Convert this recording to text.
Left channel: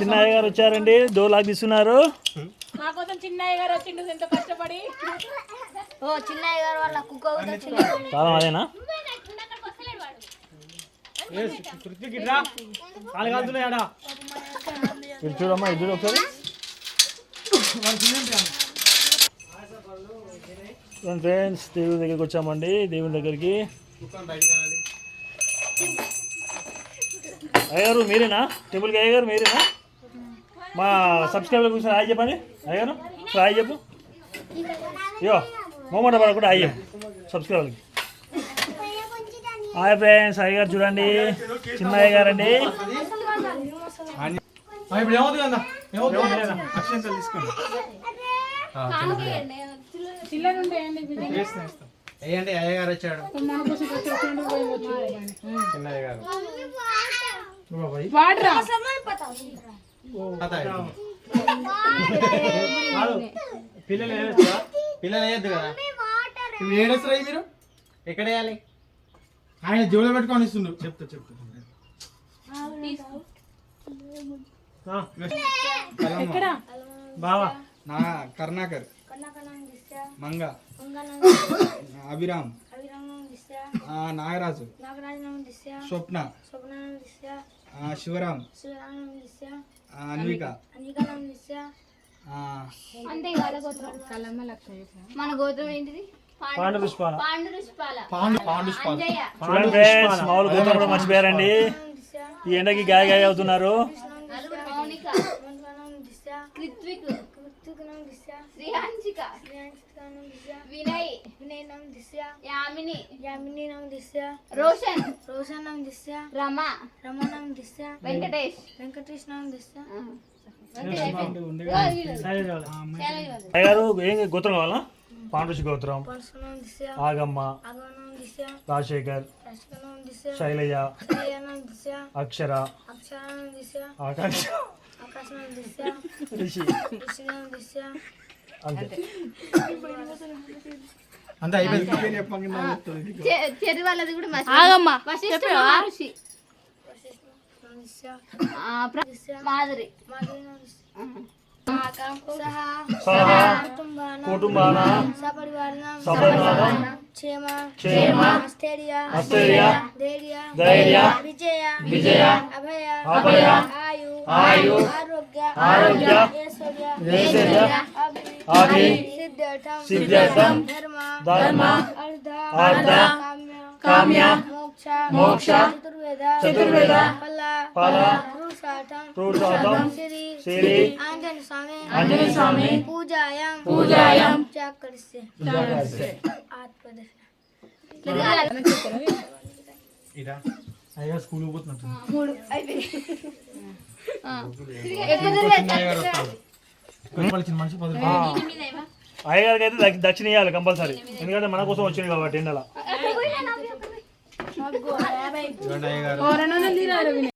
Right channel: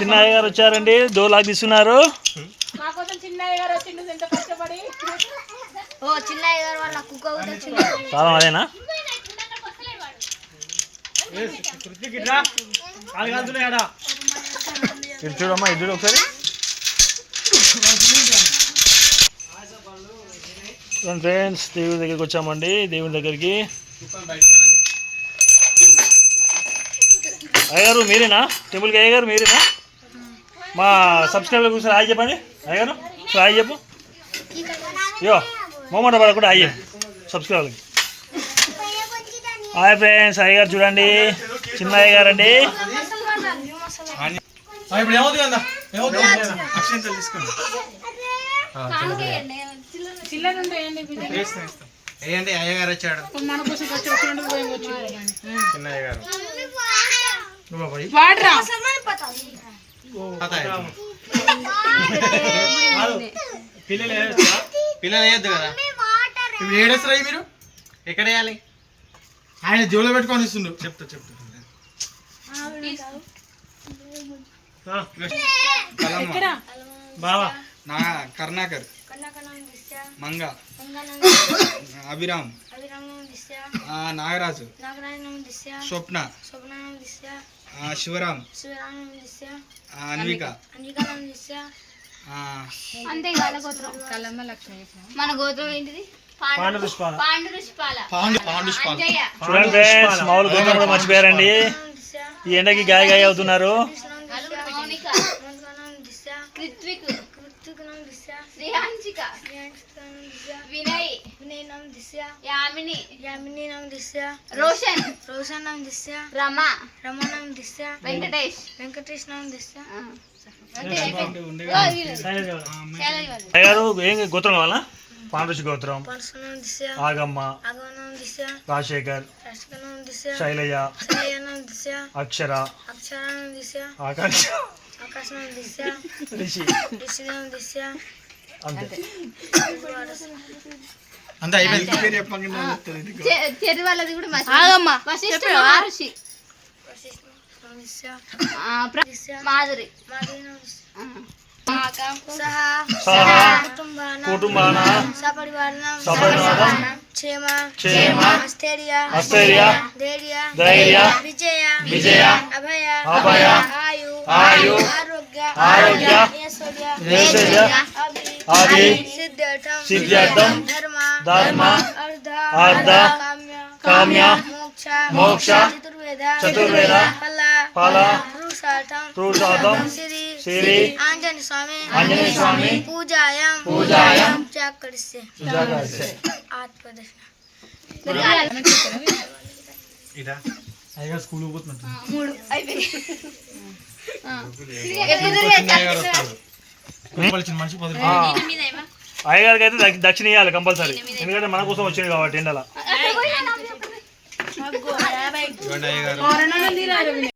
చిన్నయ్య గారు వచ్చారండి, దోలాకి తీసుకున్నారు. కాలం అదేనా? ఇది చూడమ్మా, ఇది చూడు ఒకసారి. ఫ్రెండ్స్, దేవుని దగ్గరికి వచ్చామండి. దేవుని దగ్గరికి అయ్యగారు మీరేనా? టెంపుల్కి అయ్యగారు మీరేనా? మా సబ్స్క్రైబర్ కూర్చొని హాయ్ చెప్పండి. అయ్యగారు హాయ్ చెప్పు. అయ్యో మొహమాట పడకుండా హాయ్ చెప్పు సబ్స్క్రైబర్కి. హాయ్ ఫ్రెండ్స్, అయ్యగారు చూడండి, చిన్న అయ్యగారు అండి. అయ్యగారు వచ్చాడు. చిన్న అయ్యగారు పిల్లలు వేయద్దు కదా. ఇప్పుడు ఏడేస్తారా మీరు? ఎక్కడ వేయాలి? ఆయన జోలో పెట్టుకొని ఇస్తుండు. చెప్తా బావా నా కర్ణాకర్, మంగ, అభిరామ్, నాగరాజు, స్వప్న, శివరాం, అన్విక. మన గోత్రం ఏంటిది? మర్చిపోయారండి. ఈ ఎండకి గాయ గాయ అవుతున్నారు. రోషన్ రమా వెంకటేష్ అయ్యారు ఏం గోత్రం కావాలా? పాండుషి గోత్రం, ఆగమ్మ, రాజశేఖర్, శైలయ్య, అక్షర, ఆకాశ, అంతే అయిపోయింది. మాధురి కుటుంబాన ధైర్య విజయ అభయ ఆయు ఆరోగ్య ఆది సిద్ధార్థం ధర్మ అర్థ కామ్య మోక్ష చతుర్వేద ఫల పురుషార్థం శ్రీ ఆంజనేయ స్వామి పూజాయం అయ్యగారు స్కూల్ పోతున్నట్టు. అయ్యగారికి అయితే దక్షిణ ఇవ్వాలి కంపల్సరీ, ఎందుకంటే మన కోసం వచ్చింది కాబట్టి ఎండల.